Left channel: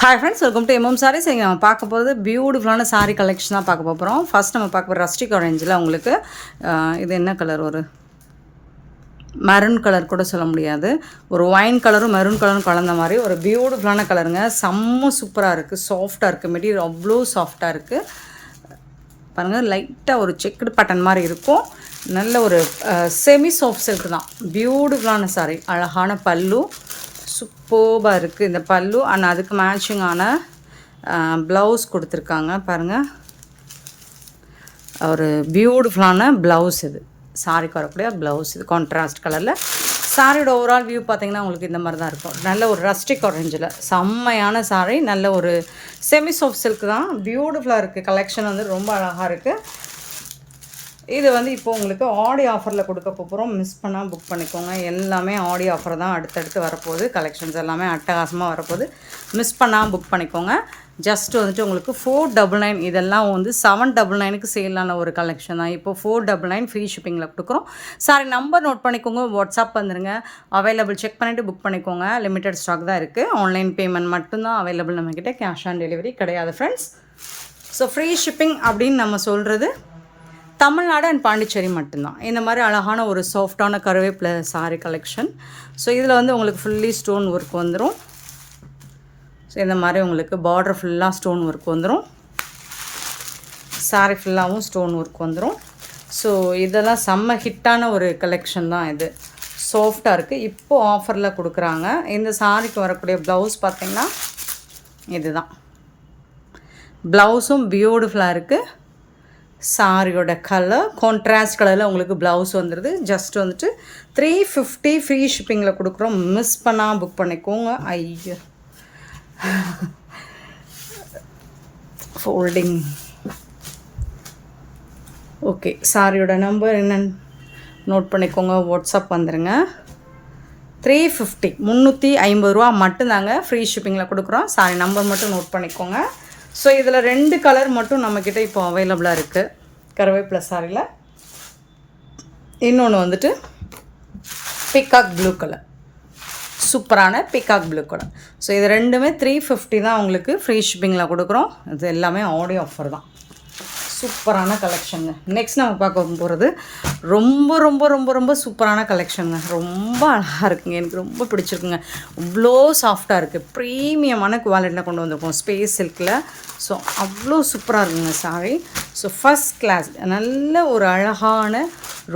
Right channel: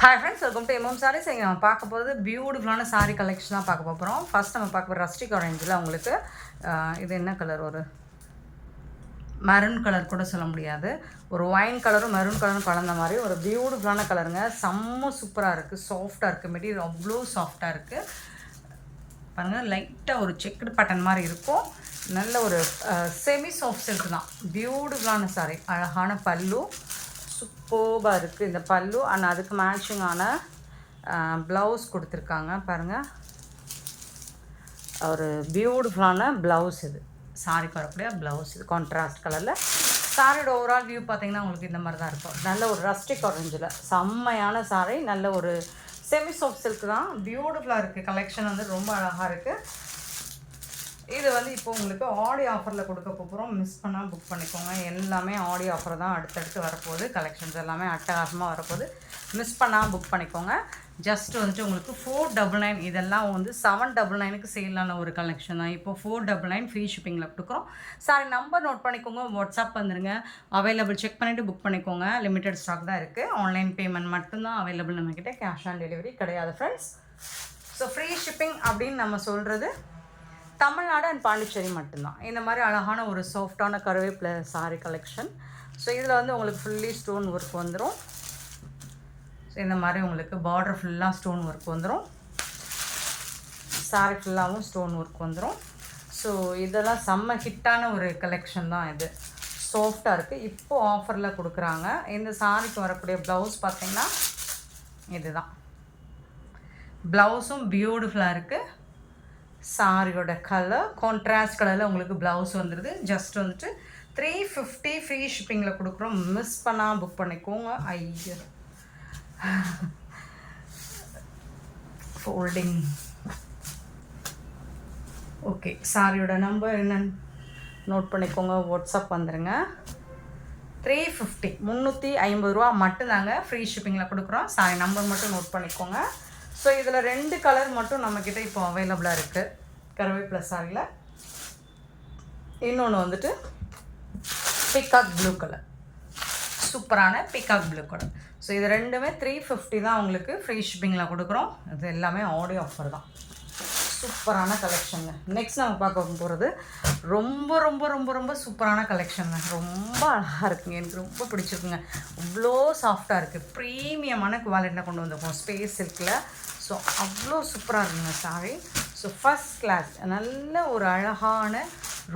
Hi friends, welcome to MM saris. இங்கே நம்ம பார்க்க போகிறது பியூட்டிஃபுல்லான சாரீ கலெக்ஷன் தான் பார்க்க போகிறோம். ஃபர்ஸ்ட் நம்ம பார்க்க போகிற ரஸ்டிக் ஆரஞ்சில் உங்களுக்கு இது என்ன கலர், ஒரு மெரூன் கலர் கூட சொல்ல முடியாது, ஒரு ஒயின் கலரும் மெரூன் கலரும் கலந்த மாதிரி ஒரு பியூட்டிஃபுல்லான கலருங்க. செம்ம சூப்பராக இருக்குது, சாஃப்டாக இருக்குது, மெட்டீரியல் அவ்வளோ சாஃப்டாக இருக்குது. பாருங்கள், லைட்டாக ஒரு செக்குடு பேட்டர்ன் மாதிரி இருக்கும். நல்ல ஒரு செமி சாஃப்ட் சில்க் தான். பியூட்டிஃபுல்லான சாரீ, அழகான பல்லு, சூப்பராக இருக்குது இந்த பல்லு. ஆனால் அதுக்கு மேட்சிங்கான ப்ளவுஸ் கொடுத்துருக்காங்க பாருங்கள். ஒரு பியூட்டிஃபுல்லான ப்ளவுஸ் இது, சாரிக்கு வரக்கூடிய ப்ளவுஸ் இது, கான்ட்ராஸ்ட் கலரில். சாரியோட ஓவரால் வியூ பார்த்திங்கன்னா உங்களுக்கு இந்த மாதிரி தான் இருக்கும். நல்ல ஒரு ரஸ்டிக் ஆரஞ்சில் செம்மையான சாரி, நல்ல ஒரு செமி சாஃப்ட் சில்க் தான். பியூட்டிஃபுல்லாக இருக்குது, கலெக்ஷன் வந்து ரொம்ப அழகாக இருக்குது. இது வந்து இப்போ உங்களுக்கு ஆடி ஆஃபரில் கொடுக்க போகிறோம். மிஸ் பண்ணால் புக் பண்ணிக்கோங்க. எல்லாமே ஆடி ஆஃபர் தான் அடுத்தடுத்து வரப்போகுது. கலெக்ஷன்ஸ் எல்லாமே அட்டகாசமாக வரப்போகுது. மிஸ் பண்ணால் புக் பண்ணிக்கோங்க. ஜஸ்ட் வந்துட்டு உங்களுக்கு 499, இதெல்லாம் வந்து 799க்கு சேலான ஒரு கலெக்ஷன் தான். இப்போ 499 ஃப்ரீ ஷிப்பிங்கில் கொடுக்குறோம். சாரி நம்பர் நோட் பண்ணிக்கோங்க, வாட்ஸ்அப் வந்துடுங்க. அவைலபிள் செக் பண்ணிவிட்டு புக் பண்ணிக்கோங்க. லிமிட்டட் ஸ்டாக் தான் இருக்குது. ஆன்லைன் பேமெண்ட் மட்டும்தான் அவைலபிள் நம்மக்கிட்ட, கேஷ் ஆன் டெலிவரி கிடையாது ஃப்ரெண்ட்ஸ். ஸோ ஃப்ரீ ஷிப்பிங் அப்படின்னு நம்ம சொல்கிறது தமிழ்நாடு அண்ட் பாண்டிச்சேரி மட்டும்தான். இந்த மாதிரி அழகான ஒரு சாஃப்டான கருவேப்பிலை சாரி கலெக்ஷன். ஸோ இதில் வந்து உங்களுக்கு ஃபுல்லி ஸ்டோன் ஒர்க் வந்துடும். ஸோ இந்த மாதிரி உங்களுக்கு பார்டர் ஃபுல்லாக ஸ்டோன் ஒர்க் வந்துடும். சாரி ஃபுல்லாகவும் ஸ்டோன் ஒர்க் வந்துடும். ஸோ இதெல்லாம் செம்ம ஹிட்டான ஒரு கலெக்ஷன் தான் இது. சாஃப்டாக இருக்குது, இப்போது ஆஃபரில் கொடுக்குறாங்க. இந்த சாரிக்கு வரக்கூடிய ப்ளவுஸ் பார்த்திங்கன்னா இதுதான். ப்ளவுஸும் பியூட்டிஃபுல்லாக இருக்குது. சாரியோட கலர் கான்ட்ராஸ்ட் கலரில் உங்களுக்கு ப்ளவுஸ் வந்துடுது. ஜஸ்ட் வந்துட்டு 350 ஃப்ரீ ஷிப்பிங்கில் கொடுக்குறோம். மிஸ் பண்ணால் புக் பண்ணிக்கோங்க. ஐயோ, ஃபோல்டிங். ஓகே, சாரியோட நம்பர் என்னன்னு நோட் பண்ணிக்கோங்க, வாட்ஸ்அப் வந்துடுங்க. 350 350 மட்டும்தாங்க ஃப்ரீ ஷிப்பிங்கில் கொடுக்குறோம். சாரி நம்பர் மட்டும் நோட் பண்ணிக்கோங்க. ஸோ இதில் 2 கலர் மட்டும் நம்மக்கிட்ட இப்போ அவைலபிளாக இருக்குது கருவேப்பிலை சாரியில். இன்னொன்று வந்துட்டு பிகாக் ப்ளூ கலர், சூப்பரான பிகாக் ப்ளூ கலர். ஸோ இது ரெண்டுமே 350 தான் உங்களுக்கு ஃப்ரீ ஷிப்பிங்கில் கொடுக்குறோம். இது எல்லாமே ஆடியோ ஆஃபர் தான். சூப்பரான கலெக்ஷனுங்க. நெக்ஸ்ட் நம்ம பார்க்க போகிறது ரொம்ப ரொம்ப ரொம்ப ரொம்ப சூப்பரான கலெக்ஷனுங்க. ரொம்ப அழகாக இருக்குங்க, எனக்கு ரொம்ப பிடிச்சிருக்குங்க. இவ்வளோ சாஃப்டாக இருக்குது, ப்ரீமியமான குவாலிட்டியில் கொண்டு வந்திருக்கோம் ஸ்பேஸ் சில்கில். ஸோ அவ்வளோ சூப்பராக இருக்குங்க சாரி. ஸோ ஃபஸ்ட் கிளாஸ், நல்ல ஒரு அழகான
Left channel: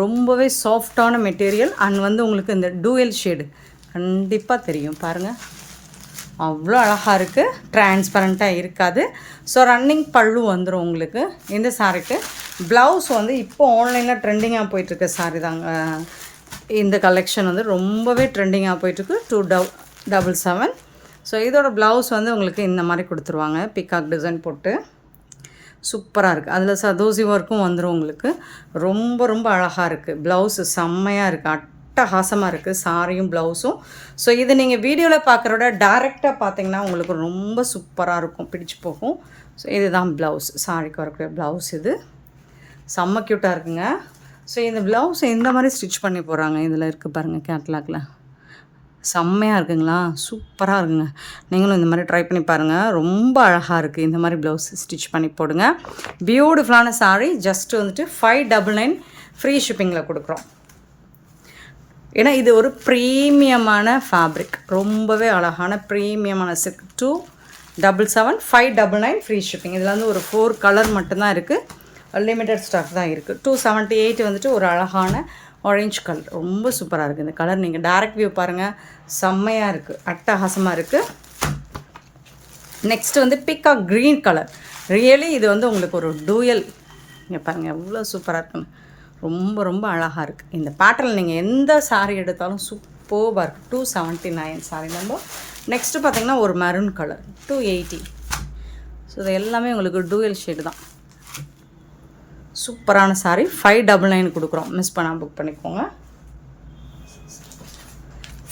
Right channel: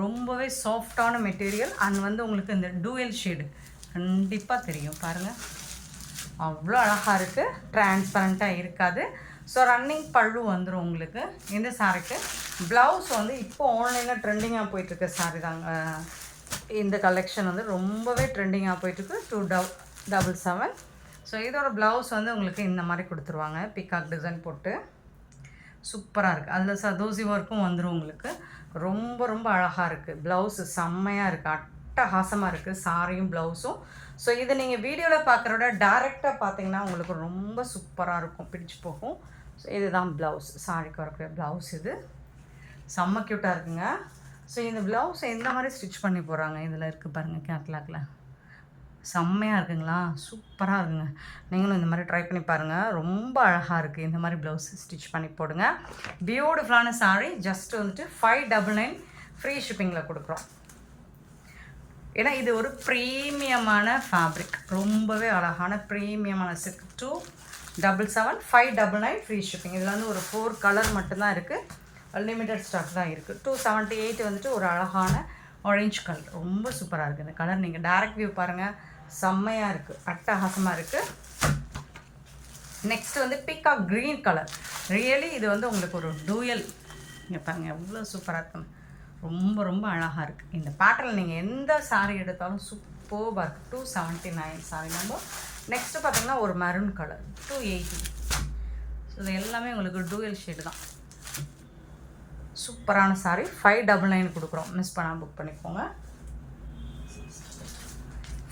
ரொம்பவே சாஃப்டான மெட்டீரியல். அண்ட் வந்து உங்களுக்கு இந்த டூயல் ஷேடு கண்டிப்பாக தெரியும் பாருங்கள், அவ்வளோ அழகாக இருக்குது, டிரான்ஸ்பரண்ட்டாக இருக்காது. ஸோ ரன்னிங் பல்லு வந்துடும் உங்களுக்கு இந்த சாரிக்கு. ப்ளவுஸ் வந்து இப்போது ஆன்லைனில் ட்ரெண்டிங்காக போயிட்டுருக்க சாரி தாங்க இந்த கலெக்ஷன். வந்து ரொம்பவே ட்ரெண்டிங்காக போயிட்டுருக்கு. 277. ஸோ இதோட ப்ளவுஸ் வந்து உங்களுக்கு இந்த மாதிரி கொடுத்துருவாங்க, பிகாக் டிசைன் போட்டு. சூப்பராக இருக்குது. அதில் சதோசி ஒர்க்கும் வந்துடும் உங்களுக்கு. ரொம்ப ரொம்ப அழகாக இருக்குது. ப்ளவுஸு செம்மையாக இருக்குது, அட்டகாசமாக இருக்குது சாரியும் ப்ளவுஸும். ஸோ இது நீங்கள் வீடியோவில் பார்க்குறோட டேரெக்டாக பார்த்தீங்கன்னா உங்களுக்கு ரொம்ப சூப்பராக இருக்கும், பிடிச்சி போகும். ஸோ இதுதான் ப்ளவுஸ், சாரிக்கு வரக்கூடிய ப்ளவுஸ். இது செம்ம க்யூட்டாக இருக்குங்க. ஸோ இந்த ப்ளவுஸ் இந்த மாதிரி ஸ்டிச் பண்ணி போகிறாங்க. இதில் இருக்குது பாருங்கள் கேட்லாகில், செம்மையாக இருக்குங்களா, சூப்பராக இருக்குங்க. நீங்களும் இந்த மாதிரி ட்ரை பண்ணி பாருங்கள், ரொம்ப அழகாக இருக்குது. இந்த மாதிரி ப்ளவுஸ் ஸ்டிச் பண்ணி போடுங்க. பியூட்டிஃபுல்லான சாரி. ஜஸ்ட் வந்துட்டு 599 ஃப்ரீ ஷிப்பிங்கில் கொடுக்குறோம். ஏன்னா இது ஒரு ப்ரீமியமான ஃபேப்ரிக், ரொம்பவே அழகான ப்ரீமியமான சில்க். 277 599 free shipping. இதில் வந்து ஒரு 4 கலர் மட்டும்தான் இருக்குது, லிமிட்டட் ஸ்டாக் தான் இருக்குது. 278 வந்துட்டு ஒரு அழகான ஆரஞ்சு கலர், ரொம்ப சூப்பராக இருக்குது இந்த கலர். நீங்கள் டேரக்ட் வியூ பாருங்கள், செம்மையாக இருக்குது, அட்டகாசமாக இருக்குது. நெக்ஸ்ட் வந்து பிகாக் க்ரீன் கலர். ரியலி இது வந்து உங்களுக்கு ஒரு டூயல். இங்கே பாருங்கள் எவ்வளோ சூப்பராக இருக்குங்க, ரொம்ப ரொம்ப அழகாக இருக்குது. இந்த பேட்டர்னில் நீங்கள் எந்த சாரீ எடுத்தாலும் சூப்பராக இருக்குது. 279 சாரி நம்பர். நெக்ஸ்ட்டு பார்த்திங்கன்னா ஒரு மெரூன் கலர் 280. ஸோ இது எல்லாமே உங்களுக்கு டூயல் ஷேடு தான். சூப்பரான சாரி. 599 கொடுக்குறோம். மிஸ் பண்ணால் புக் பண்ணிக்கோங்க.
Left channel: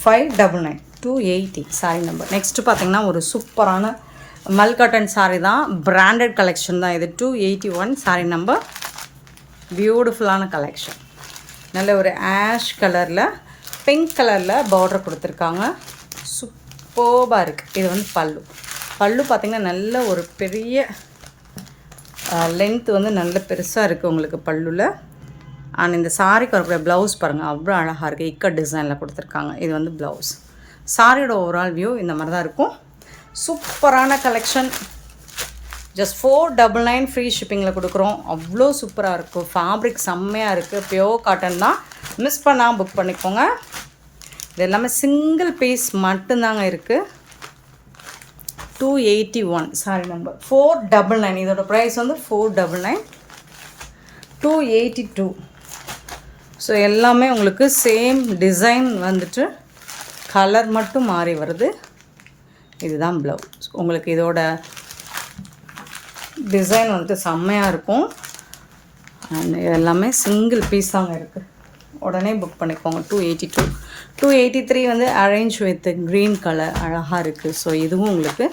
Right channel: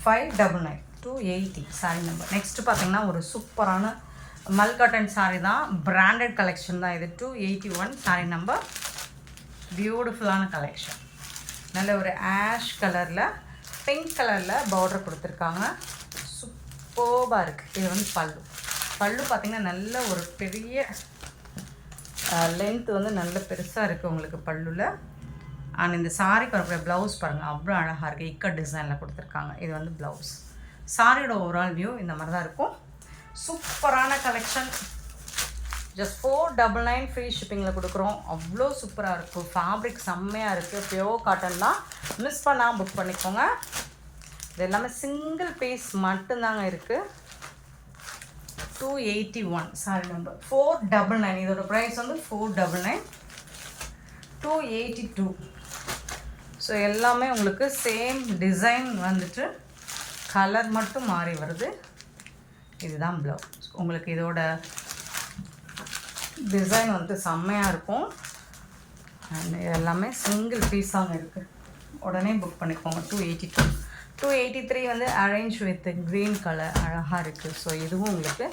599 280 சாரி நம்பர். நெக்ஸ்ட்டு பார்த்திங்கன்னா ஒரு சூப்பரான மல்காட்டன் சாரி தான், பிராண்டட் கலெக்ஷன் தான் இது. 281 சாரி நம்பர். பியூட்டிஃபுல்லான கலெக்ஷன். நல்ல ஒரு ஆஷ் கலரில் பிங்க் கலரில் பார்டர் கொடுத்துருக்காங்க. சூப்பராக இருக்குது. இது வந்து பல்லு. பல்லு பார்த்திங்கன்னா நல்ல ஒரு பெரிய லென்த் வந்து நல்ல பெருசாக இருக்குது உங்களுக்கு பல்லுவில். அண்ட் இந்த சாரிக்கு வரக்கூடிய ப்ளவுஸ் பாருங்கள், அவ்வளோ அழகாக இருக்குது. இக்கட் டிசைனில் கொடுத்துருக்காங்க. இது வந்து ப்ளவுஸ். சாரியோட ஓவரால் வியூ இந்த மாதிரி தான் இருக்கும். சூப்பரான கலெக்ஷன். ஜஸ்ட் 499 ஃப்ரீ ஷிப்பிங்கில் கொடுக்குறோம். அவ்வளோ சூப்பராக இருக்கும். ஃபேப்ரிக் செம்மையாக இருக்குது. பியோர் காட்டன் தான். மிஸ் பண்ணாமல் புக் பண்ணிக்கோங்க. இது எல்லாமே சிங்கிள் பீஸ் மட்டும்தாங்க இருக்குது. 281 சாரி நம்பர் 499. இதோட ப்ரைஸ் வந்து 499. 282. ஸோ எல்லாமே உங்களுக்கு சேம் டிசைன் வந்துட்டு கலர் மட்டும் மாறி வருது. இதுதான் ப்ளவுஸ். உங்களுக்கு இதோட டிசைன் வந்துட்டு செம்மையாக இருக்கும். அண்ட் எல்லாமே சிங்கிள் பீஸ் தாங்க இருக்குது. உடனே புக் பண்ணிக்கோங்க. 282. 283 வந்து அரேஞ்ச் வித் க்ரீன் கலர் அழகாக இருக்குது. ஸோ இதுவும் உங்களுக்கு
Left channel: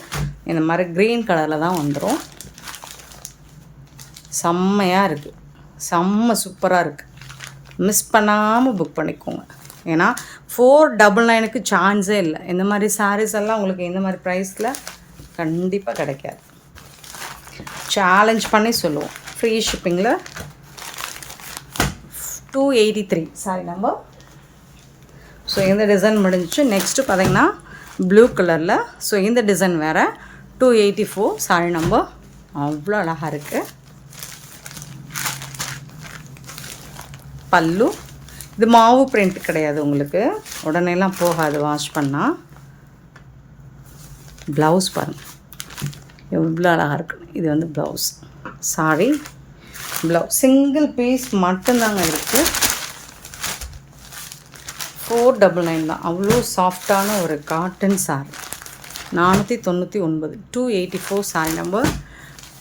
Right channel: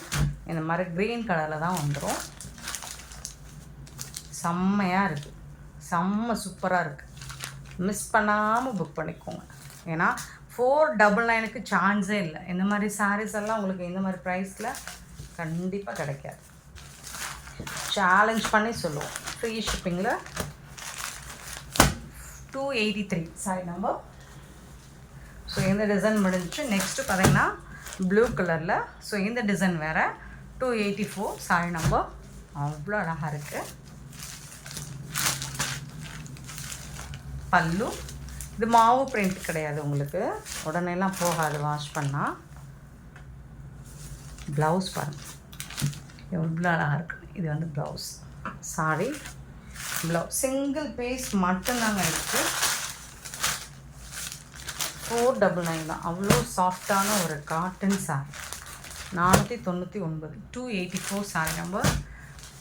இந்த மாதிரி க்ரீன் கலரில் தான் வந்துடும். செம்மையாக இருக்குது. செம்ம சூப்பராக இருக்குது. மிஸ் பண்ணாமல் புக் பண்ணிக்கோங்க. ஏன்னா 499க்கு சான்ஸே இல்லை. இந்த மாதிரி சாரீஸ் எல்லாம் உங்களுக்கு இந்த மாதிரி ப்ரைஸில் கண்டிப்பாக கிடைக்காது. சேலஞ்ச் பண்ணி சொல்லுவோம். ஃப்ரீ ஷிப்பிங்கில் 283 சாரி நம்பர். ஸோ இந்த டிசைன் முடிஞ்சிச்சு. நெக்ஸ்ட்டு பார்த்திங்கன்னா ப்ளூ கலரில். ஸோ இந்த டிசைன் வேறு. 284 சாரி நம்பர். அவ்வளோ அழகாக இருக்குது. பல்லு இது மாவு பிரிண்ட் கிடையாது. உங்களுக்கு உடனேலாம் போகாது வாஷ் பண்ணால். ப்ளவுஸ் பாருங்கள் எவ்வளோ அழகாக இருக்குது. இது வந்து blouse. Sari blouse single piece மட்டும்தாங்க இருக்குது. 499 தான். அவ்வளோ சாஃப்டான ஒரு காட்டன் சாரி. 499. 284 sorry number.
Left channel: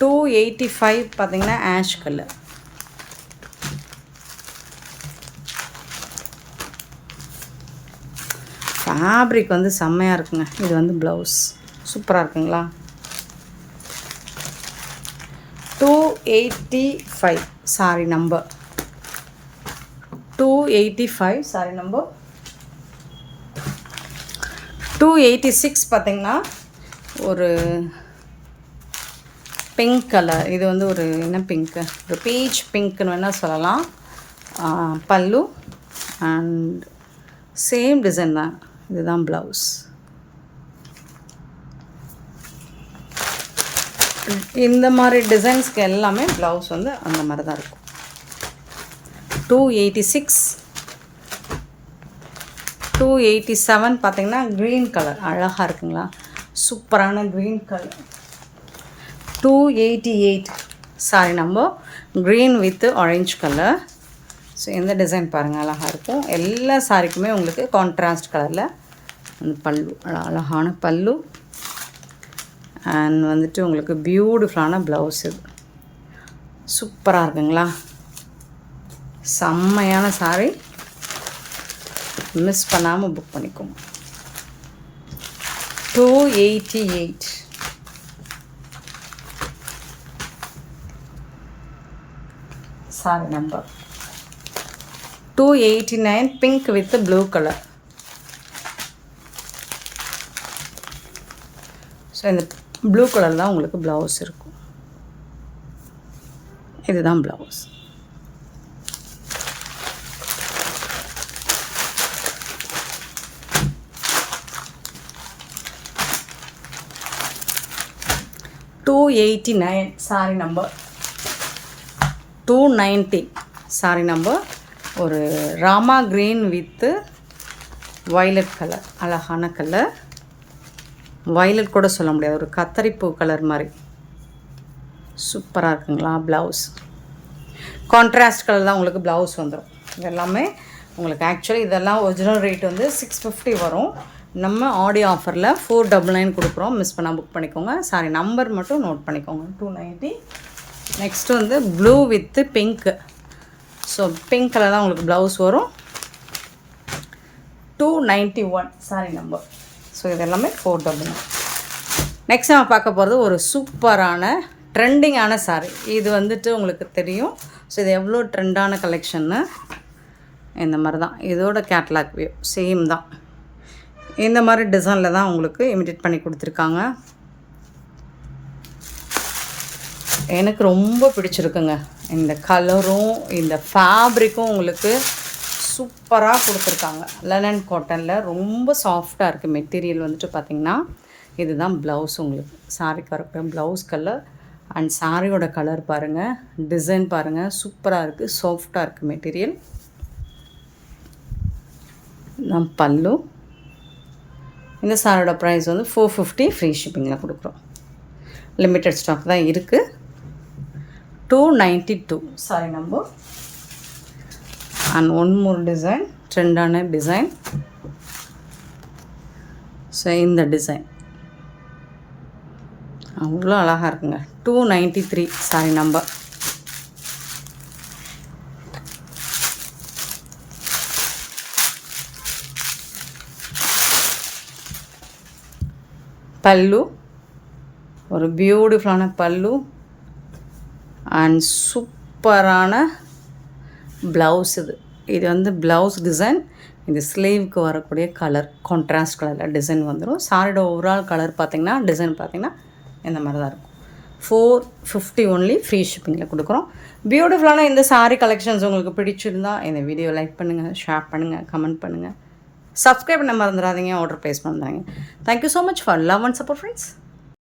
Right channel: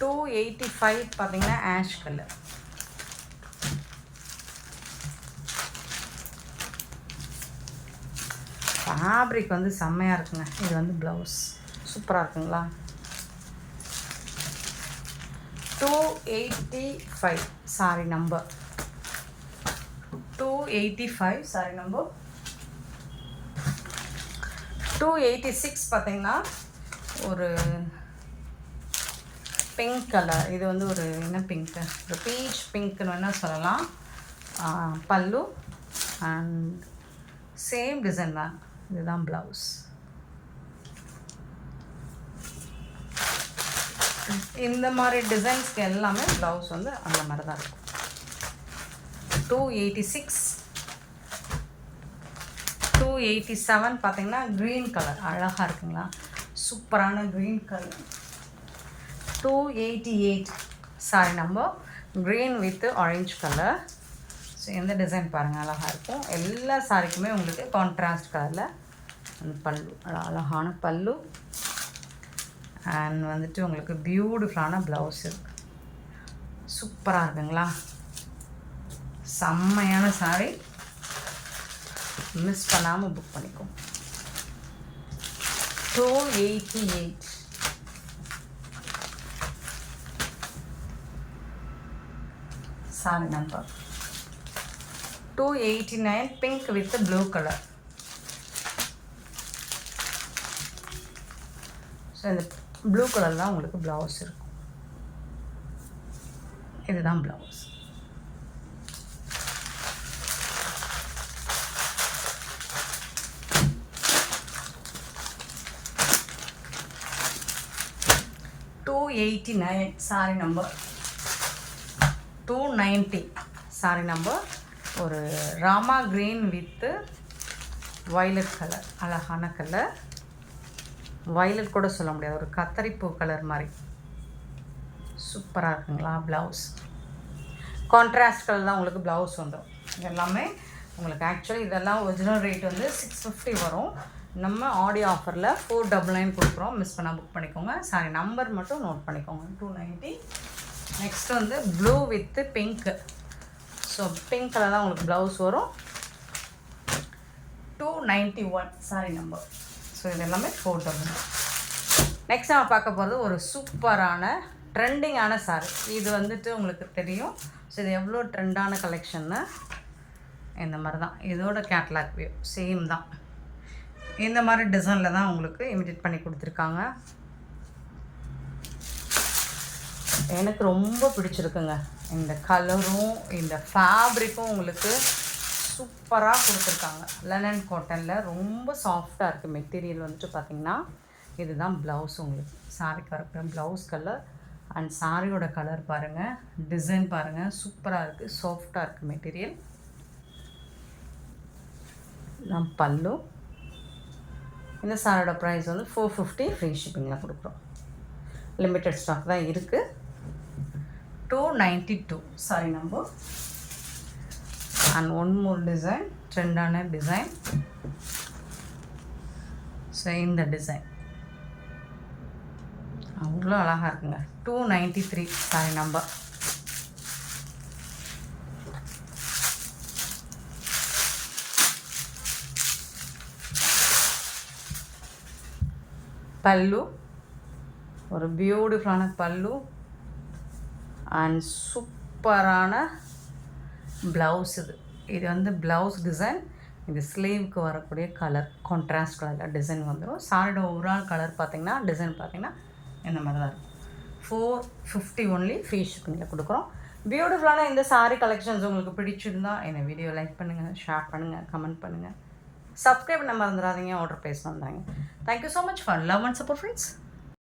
285 பார்த்திங்கன்னா ஆஷ் கலர். ஃபேப்ரிக் வந்து செம்மையாக இருக்குங்க. இது வந்து ப்ளவுஸ் சூப்பராக இருக்குங்களா. 285 சாரி நம்பர். 285 sorry number. 286 பார்த்திங்கன்னா ஒரு பிங்க் கலர். இது வந்து ஒரு என்ன பிங்க்கு, ஒரு பீச் பிங்க்குன்னு வேணால் சொல்லலாம். பல்லு அண்ட் சேம் டிசைன் தான். இதுதான் ப்ளவுஸ். இந்த மாதிரி டிசைன்ஸ்க்கு எல்லாமே ப்ளவுஸ் வந்து அந்த மாதிரி தான் இருக்கும். 286. 287 பார்த்திங்கன்னா க்ரீன் கலர் அழகாக இருக்குங்களா. சூப்பரான green colour. 288 sari number. Green with orange colour. So இந்த டிசைன் பாருங்கள் அழகாக இருக்கும். எல்லா சாரிக்குமே உங்களுக்கு கான்ட்ராஸ்ட் கலரில் அந்த பல்லு அழகான பல்லு. அண்ட் வந்துட்டு உங்களுக்கு பியூட்டிஃபுல்லான ப்ளவுஸ். இது சூப்பராக இருக்குங்களா. செம்மையான சாரி. மிஸ் பண்ணாமல் புக் பண்ணிக்கோங்க. 288 sari number. 289 pink with blue colour. So இந்த ப்ளூ கலர் தான் உங்களுக்கு ப்ளவுஸ் இருக்கும். இதுதான் blouse. $289 sari number. 290 sari number. ஒரு ராமா க்ரீன் வித்து வயலட் கலர் அழகான கலர். வயலட் கூட சொல்ல முடியாது, ஒரு கத்தரிப்பூ கலர் மாதிரி சூப்பராக இருக்குங்களா. ப்ளவுஸ் கான்ட்ராஸ்ட் கலர் தான் உங்களுக்கு ப்ளவுஸ் வந்துடும். இதெல்லாமே உங்களுக்கு ஆக்சுவலி இதெல்லாம் ஒரிஜினல் ரேட் வந்து 650 வரும். நம்ம ஆடியோ ஆஃபரில் 499 கொடுக்குறோம். மிஸ் பண்ணால் புக் பண்ணிக்கோங்க. சாரி நம்பர் மட்டும் நோட் பண்ணிக்கோங்க. 290. நெக்ஸ்ட்டு வந்து blue with pink. So pink colour தான் உங்களுக்கு ப்ளவுஸ் வரும். 291 சாரி நம்பர். ஸோ இதெல்லாமே 499. நெக்ஸ்ட் நம்ம பார்க்க போகிறது ஒரு சூப்பரான ட்ரெண்டிங்கான சாரி. இது வந்துட்டு உங்களுக்கு தெரியும். ஸோ இது எவ்வளோ ட்ரெண்டான கலெக்ஷன்னு. இந்த மாதிரி தான் இதோட கேட்லாக் வியூ சேம் தான். இந்த மாதிரி டிசைனில் தான் உங்களுக்கு இமிடேட் பண்ணி கொடுத்துருக்காங்க. எனக்கு ரொம்ப பிடிச்சிருக்குங்க. இந்த கலரும் இந்த ஃபேப்ரிக்கும் உங்களுக்கு சூப்பராக கொடுத்துருக்காங்க. லெனன் காட்டனில் ரொம்ப சாஃப்டாக இருக்குது. மெட்டீரியல் வந்துட்டு பார்த்திங்கன்னா இதுதான் ப்ளவுஸ். உங்களுக்கு சாரிக்கு வரப்போ ப்ளவுஸ் கலர் அண்ட் சாரியோட கலர் பாருங்கள், டிசைன் பாருங்கள், சூப்பராக இருக்குது, சாஃப்டாக இருக்குது மெட்டீரியல். நம் பல்லு. இந்த சாரியோட ப்ரைஸ் வந்து 450 ஃப்ரீ ஷிப்பிங்கில் கொடுக்குறோம். லிமிட்டட் ஸ்டாக் தான் இருக்குது. 292 sari number. And one more design, ட்ரெண்டான டிசைன். ஸோ இந்த டிசைன் அவ்வளோ அழகாக இருக்குங்க. 293 சாரி நம்பர். பல்லு ஒரு பியூட்டிஃபுல்லான பல்லு அண்ட் சூப்பரான ப்ளவுஸ். இது வந்து ப்ளவுஸ் டிசைன். இது ஸ்லீவுக்கு வரக்கூடிய கலர் கான்ட்ராஸ்ட் கலரில் டிசைன் வந்துடும். சாரியோட ஓவரால் கலர் பார்த்திங்கன்னா டிசைன் பார்த்திங்கன்னா இந்த மாதிரி தான் இருக்கும். 450 ஒன்லி ஃப்ரீ ஷிப்பிங்கில் கொடுக்குறோம். பியூட்டிஃபுல்லான இந்த சாரீ கலெக்ஷன்ஸ் உங்களுக்கு பிடிச்சிருந்தால் இந்த வீடியோ லைக் பண்ணுங்கள், ஷேர் பண்ணுங்கள், கமெண்ட் பண்ணுங்கள், சப்ஸ்கிரைப் பண்ண மறந்துடாதீங்க, ஆர்டர் ப்ளேஸ் பண்ணுறாங்க. Thank you so much for love and support friends.